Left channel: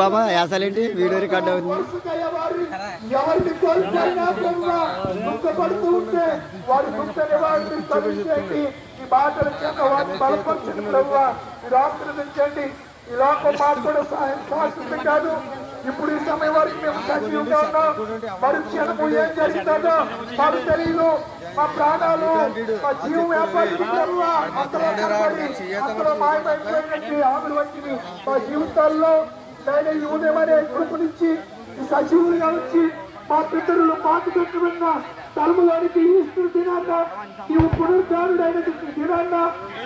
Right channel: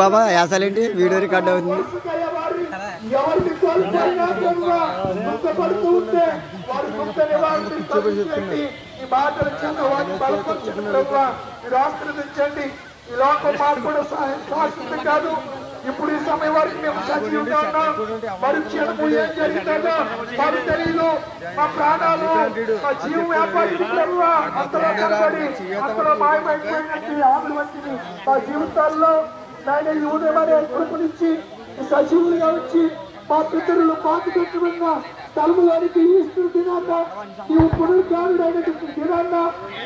బాబా యాసలేంటి video record అవుతుంది. ఇప్పుడు ఈ సమయం వరకు మేము సజీవంగా ఉన్నాం. తెలియదు మా ప్రాణాలు మా జీవం మా జీవితాల్లో నేను ఈ ఉదయమనే కృపనిచ్చి సజీవులుగా వచ్చి మా పితరులు పాతి పెట్టుకున్న తలుపులోనికి ఈశ్వరు దినాన్న నీవు పునరుద్ధారుడైనటువంటి దినాన్న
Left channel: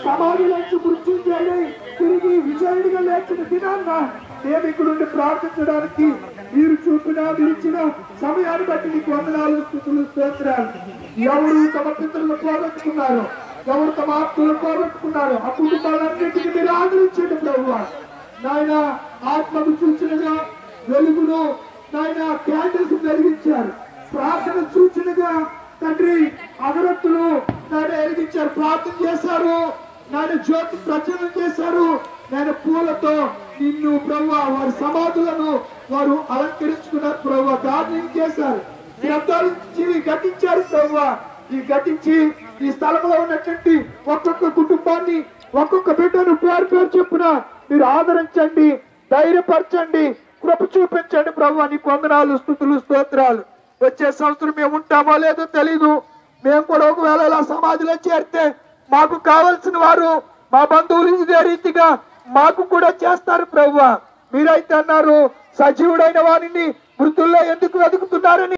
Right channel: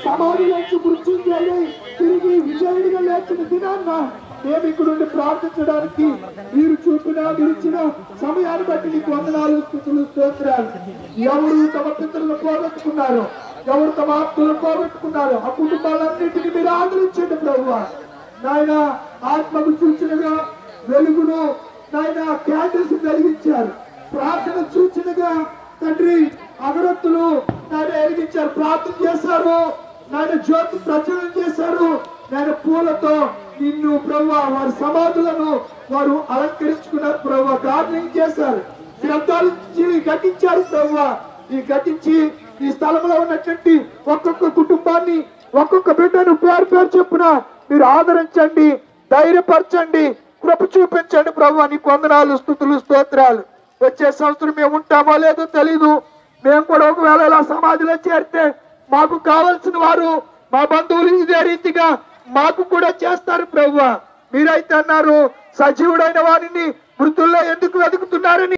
సమాధిలోంచి మృత్యుంజయుడై తిరిగి విజయుడిగా లేచిన దినాన్న మేము ఇక్కడుండి ప్రార్థించడానికి మీరు ఇచ్చిన సమయాన్ని బట్టి నీకు వందనాలు స్తుతులు స్తోత్రాలు. ఎవరు తమ పితరులు పోగొట్టుకున్నారు, ఎవరు తమ ఆత్మలు పోగొట్టుకున్నారు, ఆ కుటుంబాలన్నింటినీ మీరు ఆదరించండి ప్రభువా. నాయన ఆత్మకు సూచనగా వెలుగును నాయన క్యాండిల్స్ వెలిగించారు. ప్రార్థన సూచనగా తండ్రి అగరత్తులు నాయన వెలిగించారు, ప్రార్థన చేశారు, నాయన జ్యోతి ప్రచురణ చేశారు. నాయన పూలతో నిన్ను ప్రభువా వారి సమాధులను వారు అలంకరించుకున్నారు ప్రభువా, ప్రార్థన చేశారు, శ్రద్ధాలు ఘటించారు ప్రభువా. ఈ ఘటించి ఈ స్థలంలో ఉన్నటువంటి ఒక్కొక్క కుటుంబాన్ని ఒక్కొక్క బిడ్డను పేరు చొప్పున మీరు ఆదరించండి, ధైర్యపరచండి, కృప చూపించండి ప్రభువా. నీకు వందనాలు స్తుతులు స్తోత్రాలు. వచ్చే సంవత్సరం మేము ఉంటామో లేదో తెలీదు. మేము కూడా ఒకవేళ ఇలా సమాధిలో చేరితే మాకు కావలసిన వారు మా బంధువులు ఇదే రీతిగా మాకు కూడా చేస్తారు ప్రభువా. మీరైతే అన్నారు సజీవుడైన వారిని మృతుల్లో ఎందుకు వెతుకుతున్నారని.